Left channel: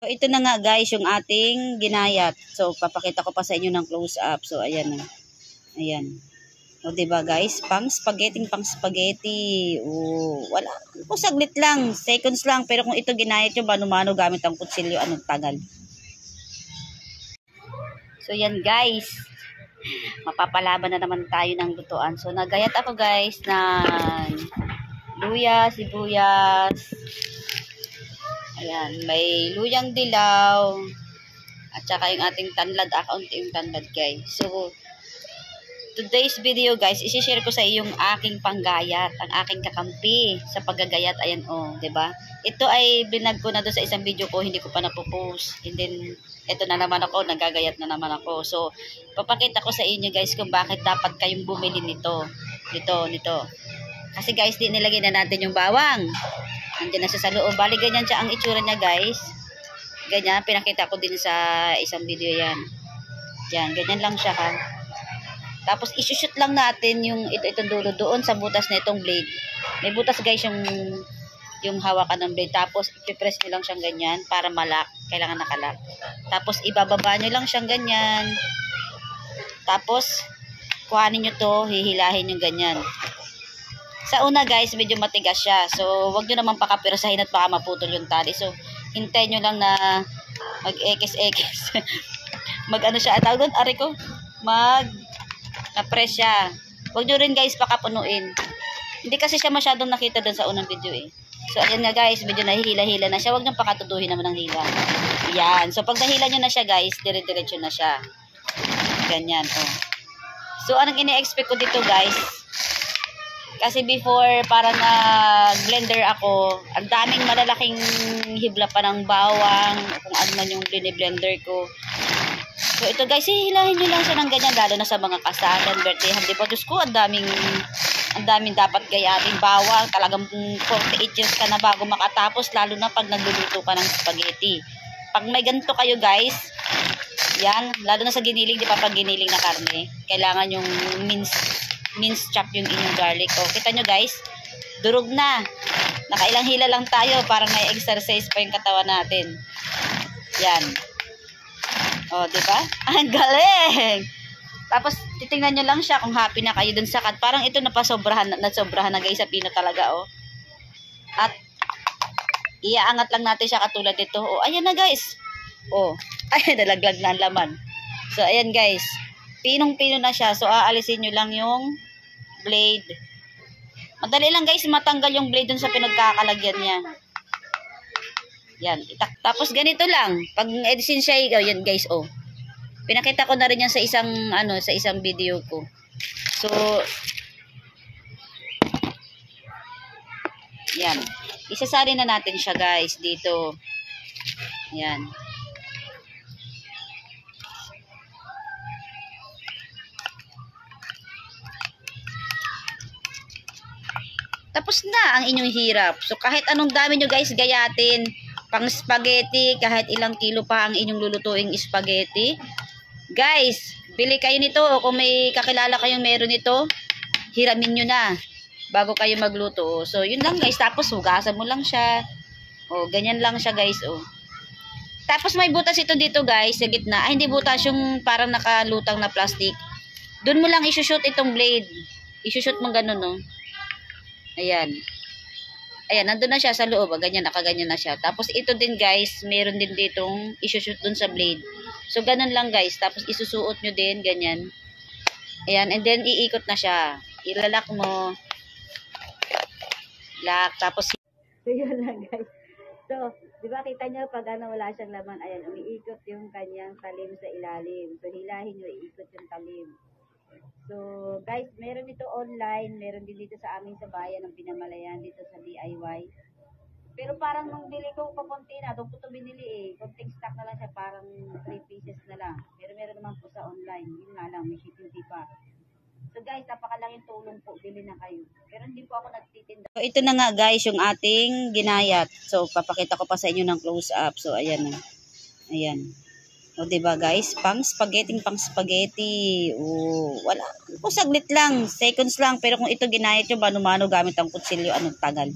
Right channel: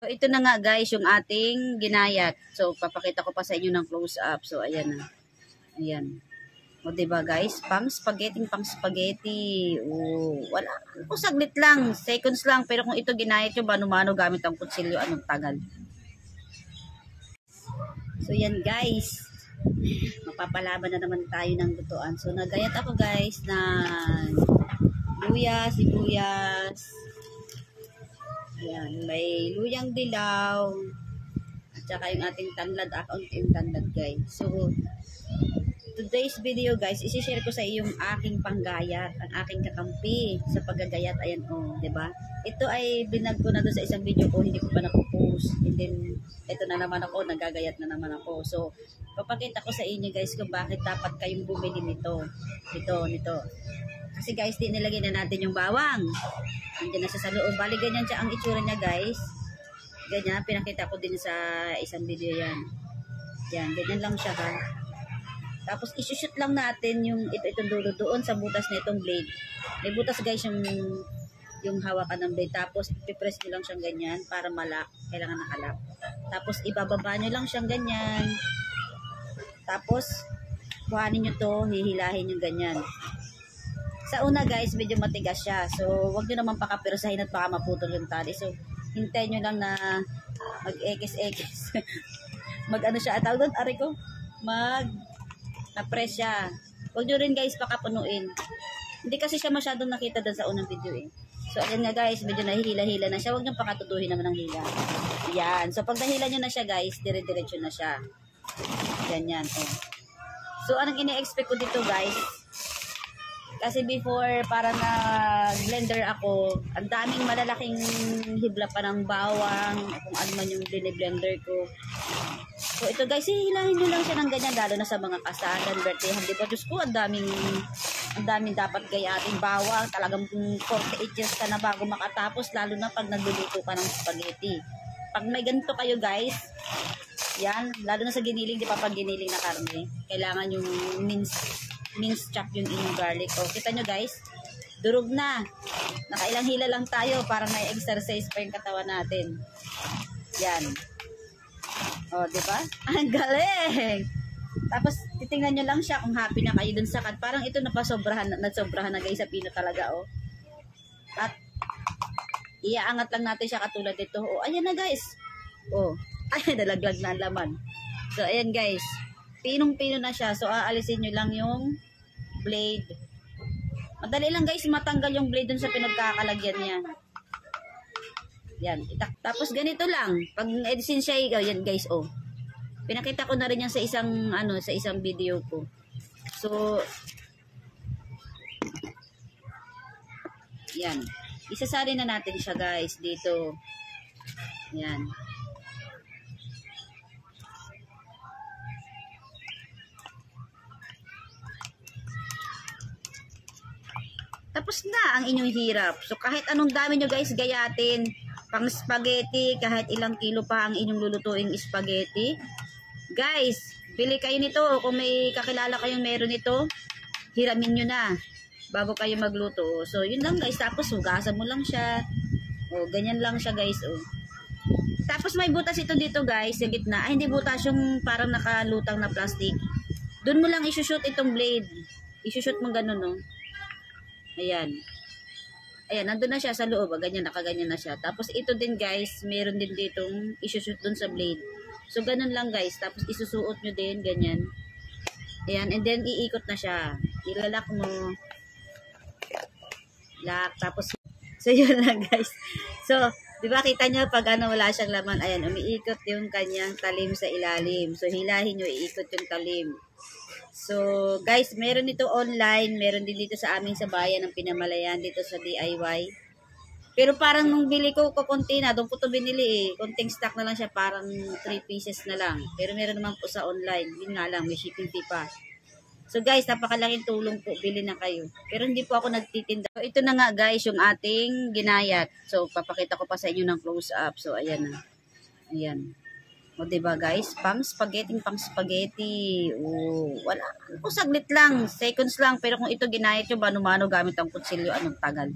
So, ito na nga guys yung ating ginayat. So, papakita ko pa sa inyo ng close up. So, ayan na. Ayan. O, diba guys? Pang spaghetti. O, wala. O, saglit lang. Seconds lang. Pero kung ito ginayat yung mano-mano gamit ang kutsilyo, anong tagal. So, yan guys. Mapapalaban na naman tayo ng lutuan. So, nagayat ako guys ng luya, sibuyas. Ayan, may luyang dilaw. At saka yung ating tanlad, akaunti yung tanlad guys. So, today's video guys, isi-share ko sa iyo yung aking panggayat, ang aking kakampi sa paggagayat. Ayan oh, 'di ba? Ito ay binag ko na doon sa isang video ko, hindi ko pa napo-post. And then ito na naman ako, nagagayat na naman ako. So, papakita ko sa inyo guys kung bakit dapat kayong bumili nito. Nito. Kasi guys, di nilagay na natin yung bawang. Nandiyan na siya sa loob. Bali, ganyan siya ang itsura niya guys. Ganyan, pinakita ko din sa isang video yan. Yan, ganyan lang siya ha. Tapos, isushoot lang natin yung itong dulo doon sa butas na itong blade. May butas guys yung hawakan ng blade. Tapos, ipipress nyo lang siyang ganyan para malak. Kailangan nakalak. Tapos, ibababa nyo lang siyang ganyan. Tapos, kuhanin nyo to, hihilahin yung ganyan. Sa una guys, medyo matigas siya. So, wag nyo naman pakapirasahin at baka maputol yung tali. So, hintayin nyo lang na mag-ekis-ekis. Mag-ano siya, tawag doon, ari ko, na-press siya. Wag nyo rin guys pakapunuin. Hindi kasi siya masyadong nakita doon sa unang video eh. So, ayan nga guys, medyo nahihila-hila na siya. Wag nyo pakatuduhin naman ng hila. Yan. So, pag nahila nyo na siya guys, dire-diretso na siya. Ganyan, oh. So, anong ini-expect ko dito guys? Kasi before, parang blender ako, ang daming malalaking hibla pa ng bawang, kung ano man yung blender ko. So ito guys, hihilahin nyo lang siya ng ganyan, lalo na sa mga kasalan, birthday, di po, Diyos ko, ang daming dapat gayatin bawang, talagang 48 years ka na bago makatapos, lalo na pag nagluluto ka ng spaghetti. Pag may ganito kayo guys, yan, lalo na sa giniling, di pa pag giniling na karne, kailangan yung mince chop yung inyong garlic. O, kita nyo guys, durog na. Nakailang hila lang tayo para may exercise pa yung katawan natin. Yan. O, diba? Ang galing! Tapos, titingnan nyo lang siya kung happy na kayo dun sa cut. Parang ito nasobrahan na guys sa pino talaga, o. At, iaangat lang natin siya katulad dito. O, ayan na guys. O, ayan, nalaglag na ang laman. So, ayan guys. Pinong-pino na siya. So, aalisin nyo lang yung blade. Madali lang guys, matanggal yung blade dun sa pinagkakalagyan niya. Yan. Tapos, ganito lang. Pag edisin siya, yan guys, oh. Pinakita ko na rin yan sa isang video ko. So, yan. Isasali na natin siya guys dito. Yan. Tapos na ang inyong hirap. So, kahit anong dami nyo guys gayatin, pang spaghetti, kahit ilang kilo pa ang inyong lulutuing spaghetti. Guys, bili kayo nito. O kung may kakilala kayong meron nito, hiramin nyo na bago kayo magluto. So, yun lang guys. Tapos, hugasan mo lang siya. O, ganyan lang siya guys. O. Tapos, may butas ito dito guys, sa gitna. Ay, hindi butas yung parang nakalutang na plastic. Doon mo lang isushoot itong blade. Isushoot mo ganun, no? Ayan. Ayan, nandun na siya sa loob. Ganyan, nakaganyan na siya. Tapos ito din guys, meron din ditong isushoot dun sa blade. So, ganun lang guys. Tapos isusuot nyo din, ganyan. Ayan, and then iikot na siya. Ilalak mo. Lock. Tapos, so yun lang guys. So, di ba kita nyo pag wala siyang laman, ayan, umiikot yung kanyang talim sa ilalim. So, hilahin nyo, iikot yung talim. So, guys, meron dito online, meron din dito sa amin sa bayan ng Pinamalayan, dito sa DIY. Pero parang nung bili ko, kakunti na, doon ko ito binili eh. Konting stock na lang siya, parang 3 pieces na lang. Pero meron naman po sa online, yun nga lang, may shipping fee pa. So guys, napakalaking tulong po, bili na kayo. Pero hindi po ako nagtitinda. So, ito na nga guys, yung ating ginayat. So, papakita ko pa sa inyo ng close up. So, ayan na. Ayan. O, diba guys? Pang spaghetti. O, wala. O, saglit lang. Seconds lang. Pero kung ito ginayat yung mano-mano gamit ang kutsilyo, anong tagal.